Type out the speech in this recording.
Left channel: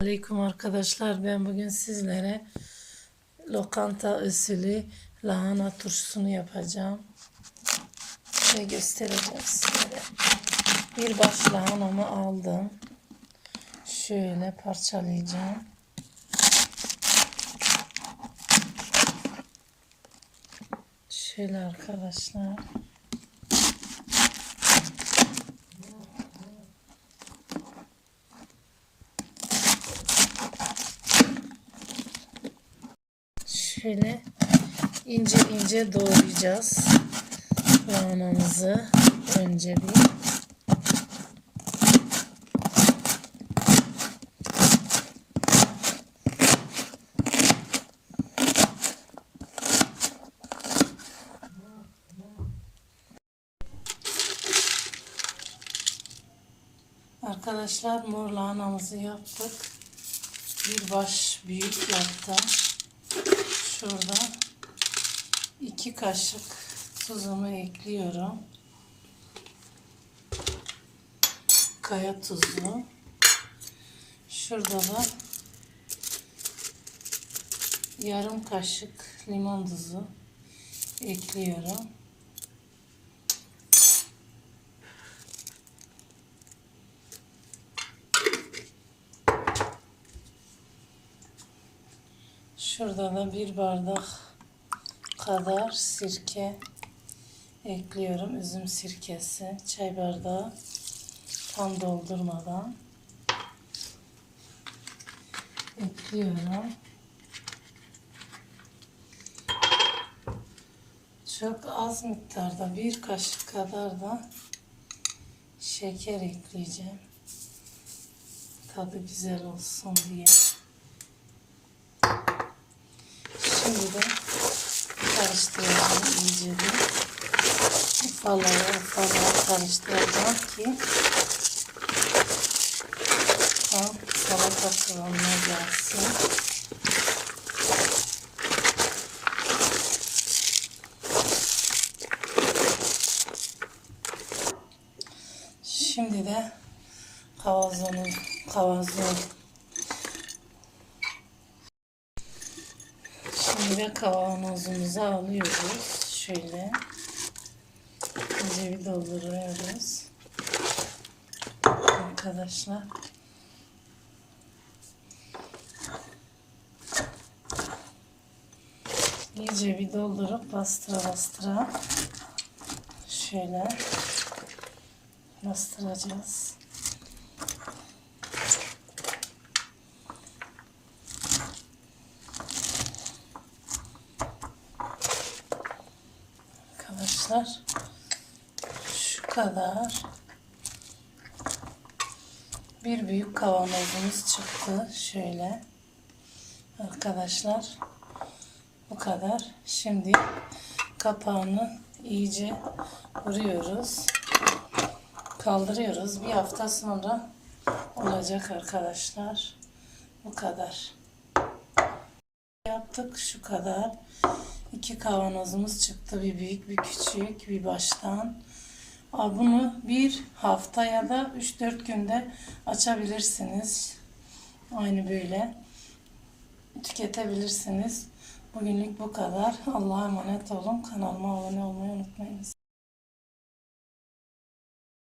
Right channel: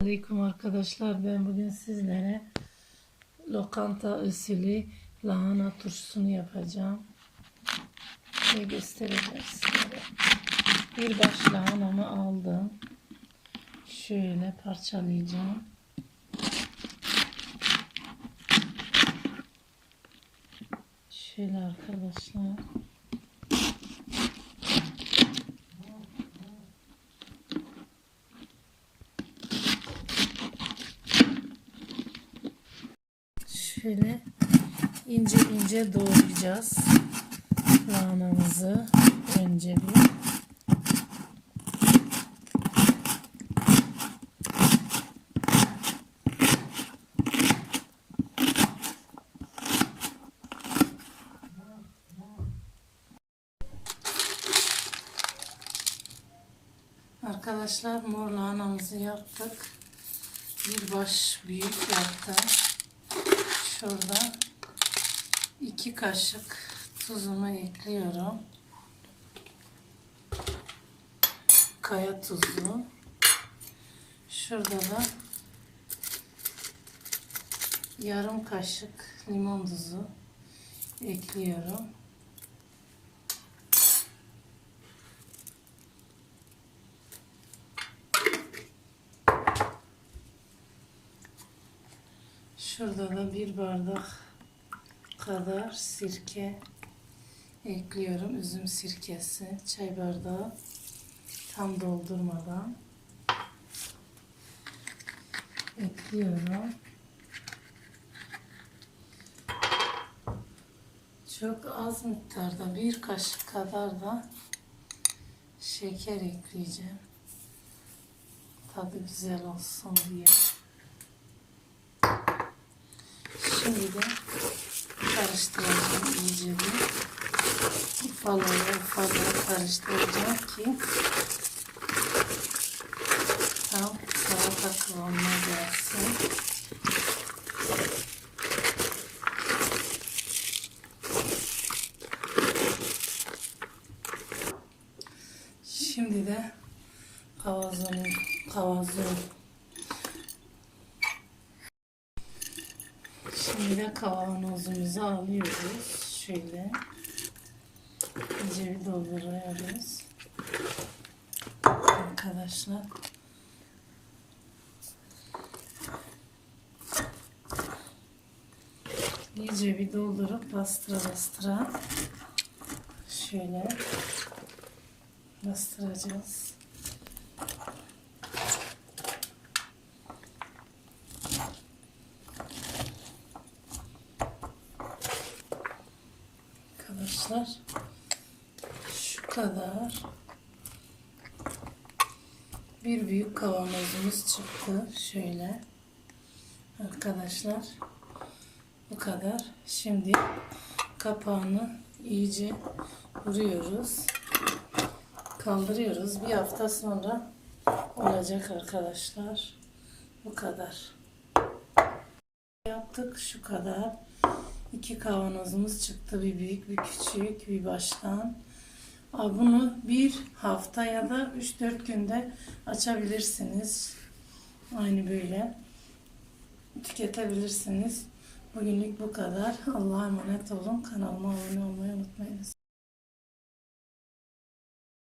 Aleyküm arkadaşlar. Ben bugün sizlere lokanta usulü lahana turşusunu yapacağım. Şöyle göstereceğim sizlere. Bir baş lahanamı aldım. Şöyle parçalayacağım. Şöyle arkadaşlar. Şöyle ince ince doğrayacağız lahanamızı önce bir. Arkadaşlar mor lahanamızı yaptık. Bir baş büyük yaptım. Şurada iki kaşık tuzumu ekliyorum. Kaya tuzu. Şurada da yarım kaşık limon tuzu ekliyorum. Şurada da bir bardak kadar sirke ekliyorum. Üzüm sirkesi. Çay bardağı tam doldurmadan ekliyorum. Çok az miktarda bir kaşık kadar da şeker ekleyeceğim. Tadı güzel olsun diye. Şimdi de karıştıracağım iyice bir. Ufalara ufalara karıştıracağım ki tam salata kıvamına gelsin. Şimdi de kavazonu kavazonu De kavanozumuzu alıyoruz. Şöyle. İnce bir dolduruyoruz. Arkadaşlar. İyice bir doldurup bastıra bastıra şöyle bastıracağız. Arkadaşlar. Şu kadar. Bir büyük kavanozumuz çıktı. Şöyle. Arkadaşlar. Bu kadar. Şimdi kapağını iyice vuruyoruz. Kaldırıyoruz. Bir hafta sonra olacak arkadaşlar. Bu kadar. Yaptık şu kadar. İki kavanozumuz çıktı. Bir büyük bir küçük bir baştan. Bunu bir hafta ya da 3-4 günde açabilirsiniz. Aynı böyle tüketebilirsiniz. Bugünlük bu kadar. Allah'a emanet olun. Kanalıma abone olmayı unutmayınız.